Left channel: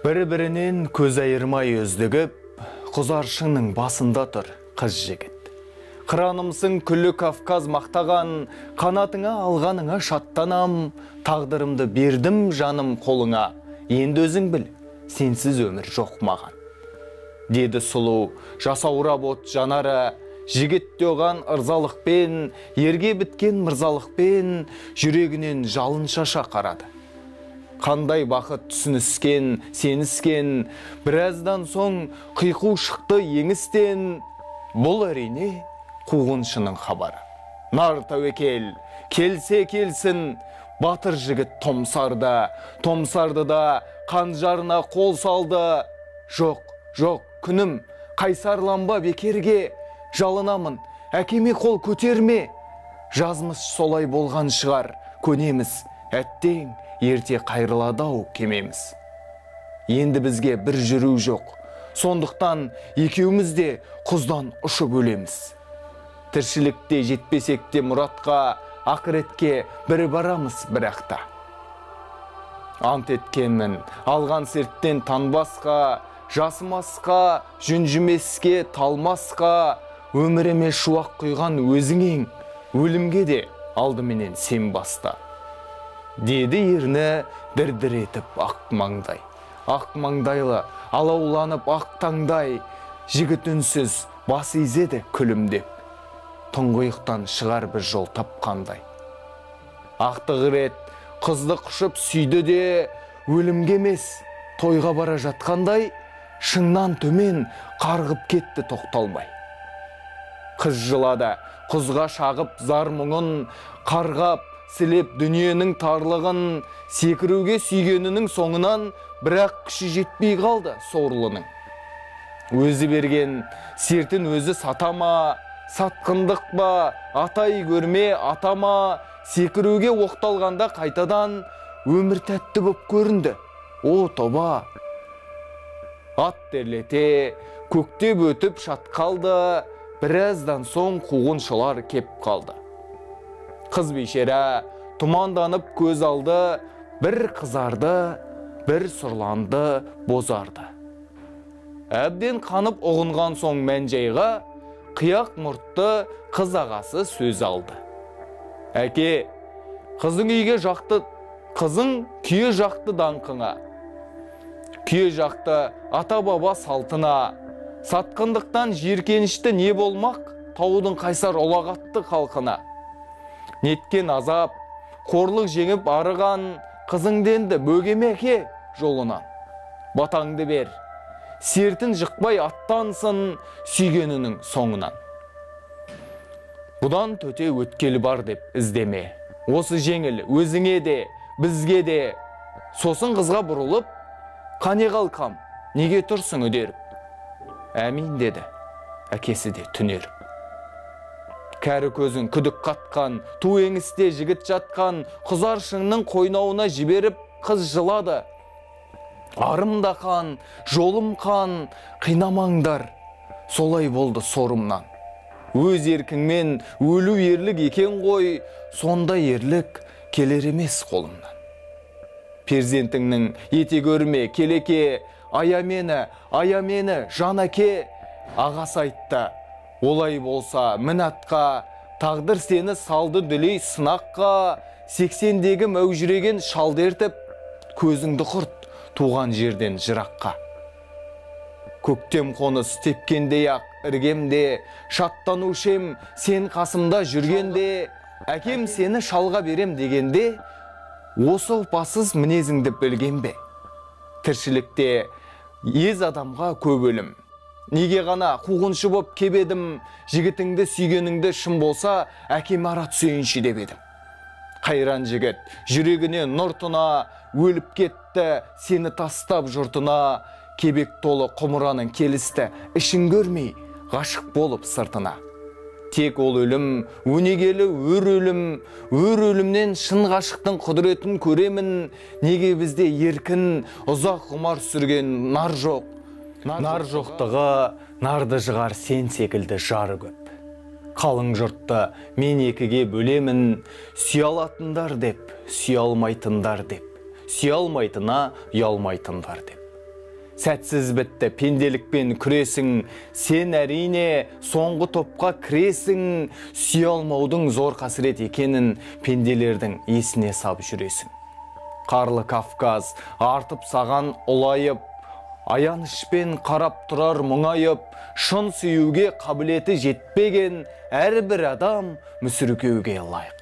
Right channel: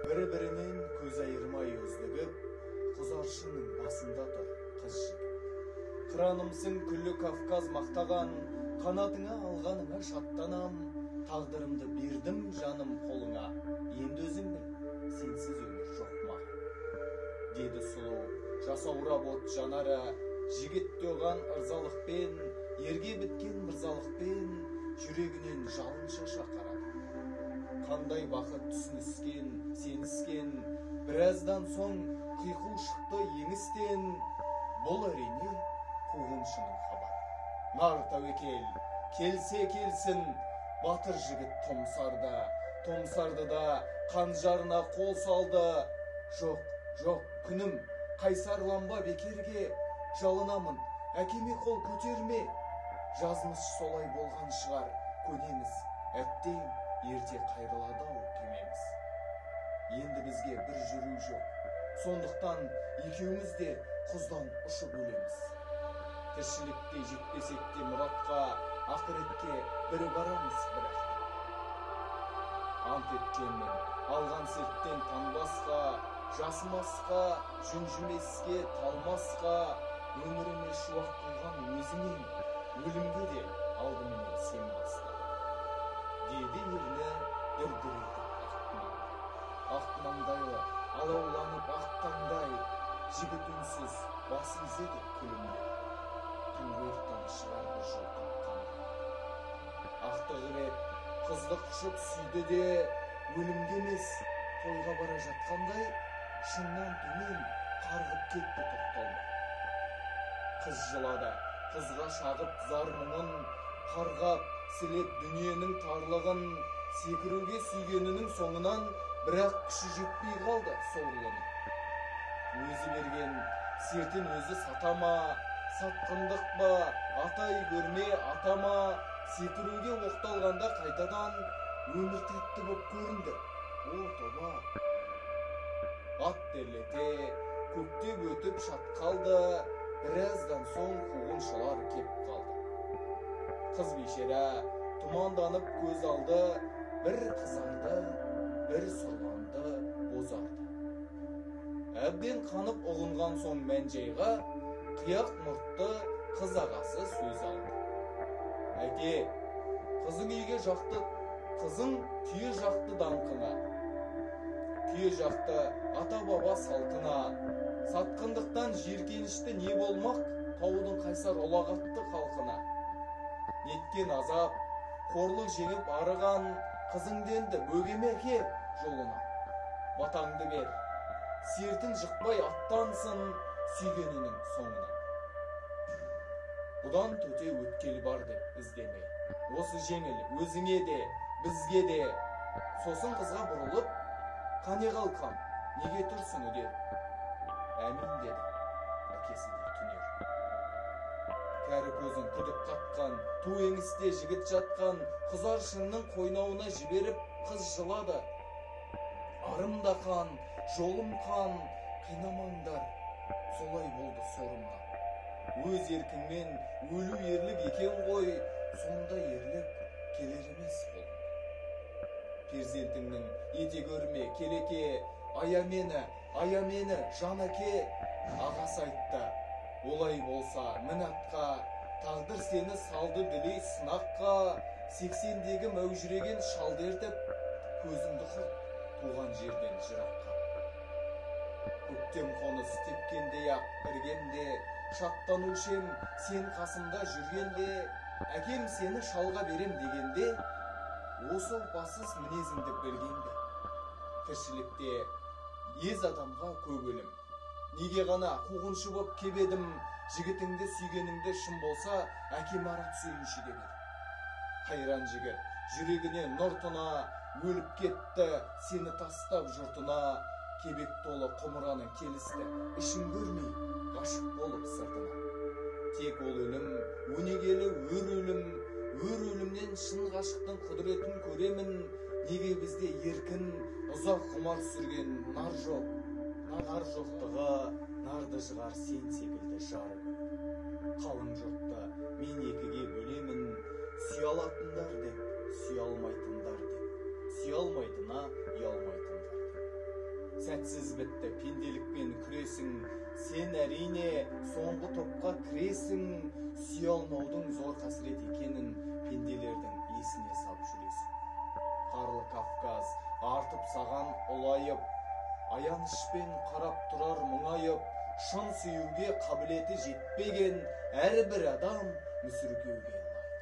Бір-бірінен көз айырмай өздігіп, құзаршының басында тұр қыз жігіт. Қыранымсың күлі Кавказ мақтаған, қанатыңа алғаныңа шаттанам, тағдырымды бердім жаным қолыңа, енді өзің біл, сенсіз өмір жоқ маған. Деді сұлу, жасаурап от жанары, жігіт оған ырзалықпен, ерге біткен мырзалықпен, жүрегінен жалын шаша қарады. Қандай бақыт түсініскен, сеніскен, біраздан соң қиқу шықты еңістен, бұл әрине қуғыншының хабары. Нар тәуекел, келсе келсін, батыр жігіт томсарды да қанжарына қол салды. Жоқ, жоқ, күнім, қайсарланба бекерге, жалынамын, әкеме қол көтерме. Жазмыш солай болған шығар, көнеміз, әттең, ерте қайрыладау кемеміз. Енді бізге бір жүру жоқ, сондықтан екеуміз де құздан ұшып өлеміз. Тіршілікте жетпесек те мұратқа, ақыретке бір барамыз бірақта. Ант еткенмін, алған серттен танбасқа, жасымасқа, жүнжімеске, талмасқа, өміріме шуақ құйған өзіңең, өлімге де алдыменен сен баста. Деді ерні дір-дір етіп ақ маңдай. Ақ маңдайлы, алауланып ақ таңдай, жігіт үнсіз бас изеді күлімдеп. Тұңғиықтан шығар бір жол тапқандай. Ақтығы рет қызды құшып сүйді де, өлімге емес тойға бара жатқандай, шыңнан төмен қарғып кетті тоқталмай. Қыз жылады, құзға шағып зар мұңын, қарғап сілеп дүниенің тарлығын, секіруге сүйгенінің соңынан, бірақ күші жетпей қалды сорлының. Өзі берген сертін өзі сатама, сатқындық ба, атай көрме атама, секіруге оқталғанда қайтадан өмір тәтті боп көрінді. О тоба! Ат терлете, көктеп өтіп шатқалды, біраздан соң қуғыншылар кеп қалды. Қыз бейшара тұманданып көз алды, бір қызарды, бір сұрланды, бозарды. Әбден қанып ұғынған соң мән-жайға, қияқ мұртты қыз ағасы сөз алды. Әке, қызың үйге жақты, қызың күйе жақты даңқыңа, күйе жақты ата-баба салтына, сатқындықтан жеркенішті не болмақ, таудың қайсар ұлағатты халқына. Неткен азап, қорлық жеңіп арыған, қызыңденді бөгеме әке жолынан. Батаңды бер, сертін жықпай аттансын сүйгенінің соңынан. Бұдан төте өткелі бар деп іздеме. Осы жеңіл өзіңе де, бізге де. Сосын қызға бұрылып, қане қалқам, неге тұрсың өдеріп? Әмин деді, әкесі де түнеріп. Кәрі көзін күдік қатқан, ту еңісте жігіт жатқан, құзаршыңның қойнауына жіберіп қыз жылады. Арым да қан, жолым қан, қинамаңдар, солай болды сорымнан. Өз еркіңмен өлу ерлік екен ғой, сонда ерлік келер емес қолымнан. Перзентіңнің ете көрме, келеке, ая мені, жан әке, ағасы айтты. Олай болса мінатқа, тағдыр сені салды дүлей сынаққа, 80-дегі мәужіреген шалдертіп, көзіңді құрт туған жерден жыраққа. Көктем қоныс тепкендей ақ іргемде, шаттанушем сен қасымда жүргенде, әкем сені шалға берем дегенде, осы опасыз мінезіңді білген бе? Тіршілікте ез адамға көп өлім. Неге ғана қуғыншы боп кебедім, жігітіңді сүйгеніңді шын болса, әкем ара түсейінші деп едім. Қайран жігіт, жүрегіне нұр тұна, өліп кетті, сені тастап жұртына, кебек толы құмыраның келісті, ішін көрмей, ғашық болып сыртына. Тек ол өлім, өнегелі өр өлімнен шын ғашықтың құдіретін көремін, неге бізде еркін, ұзақ ғұмар сүрген нар жоқ. Нар жоқтығы, нарды жығар сен секілді жары көп. қалың жұртты мен екіге бөлемін, сүйе алатындар деп, сүйе алмайтындар деп, сүйе алмайтына ұялмайтындар деп. Сәтсіз бітті пенделікпен күресің, сен әрине соңғы топқа кіресің, сүйе алмаудың зор қасірет екенін пенделердің есіне сап жүресің. Қарлы Кавказ артып саған ұлайып, аянышпен қарап тұрар мұңайып, шын сүюге қабілеті жетпеген әрбір адам мүсіркеуге лайық.